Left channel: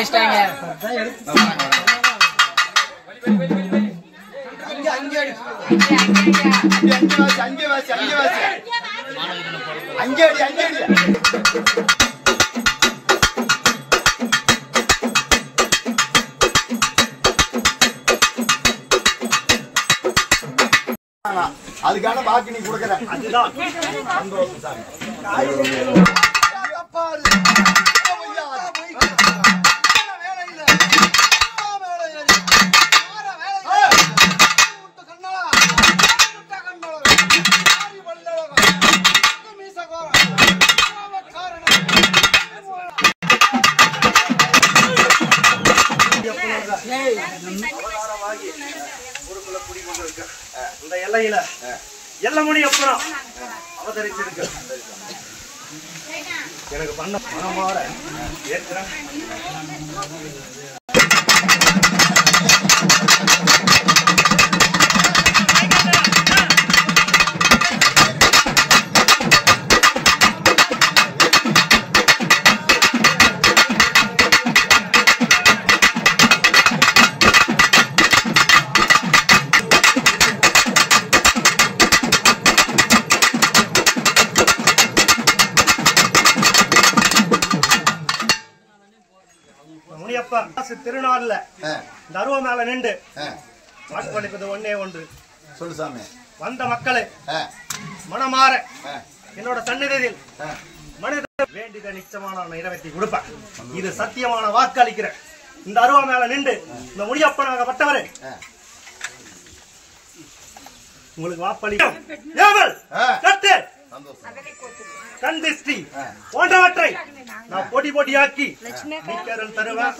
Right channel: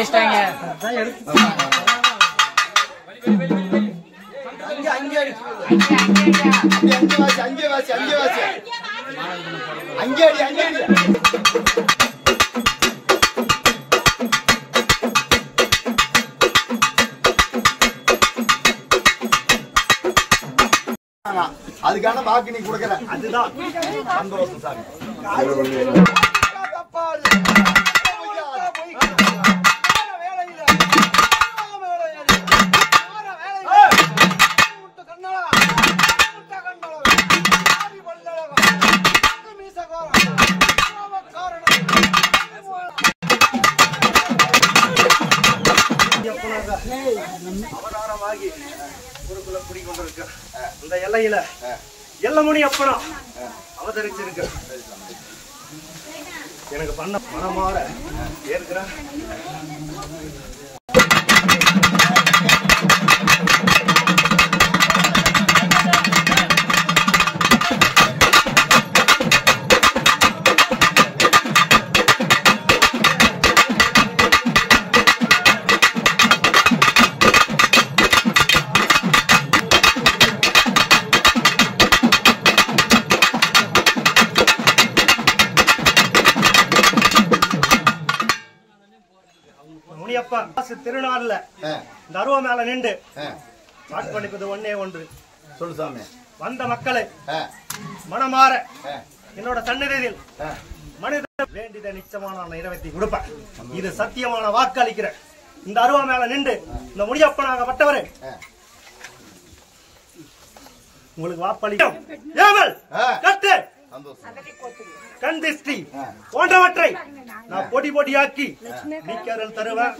வச்சிட்டாங்க. அதுக்கான வாக்கு நீ கொடுக்கற அதுதான் சந்தோஷம் சாமி. அவதாரமாகி ஊருக்குள்ள குடிக்கொண்டிருக்க இந்த எல்லையில எல்லமணி அப்புறம் அவதரிச்சிருக்கு. எனக்கு பண்ண மனமாற ஏற்கிறேன். திருநாள்ல இந்த அருவ மேல நின்று வாக்களிப்பது ஒன்னே ஒன்று. சொல்லு சாமி. வந்த மக்களை மனமாற என்னோட சந்நிதியில் மனித வேண்டியதை நிச்சயமான நிறைவேற்றி கொடுப்பேன். இது சத்தியமான வாக்களிக்கிறேன். இந்த அருவ மேல நின்று இந்த முடியப்பனாகப்பட்டவரை உங்களுக்கு வாக்களிக்கும். கந்திஷ்டி போன்றவற்றை நான் பொடி பொடியாக்கி தருவேன்.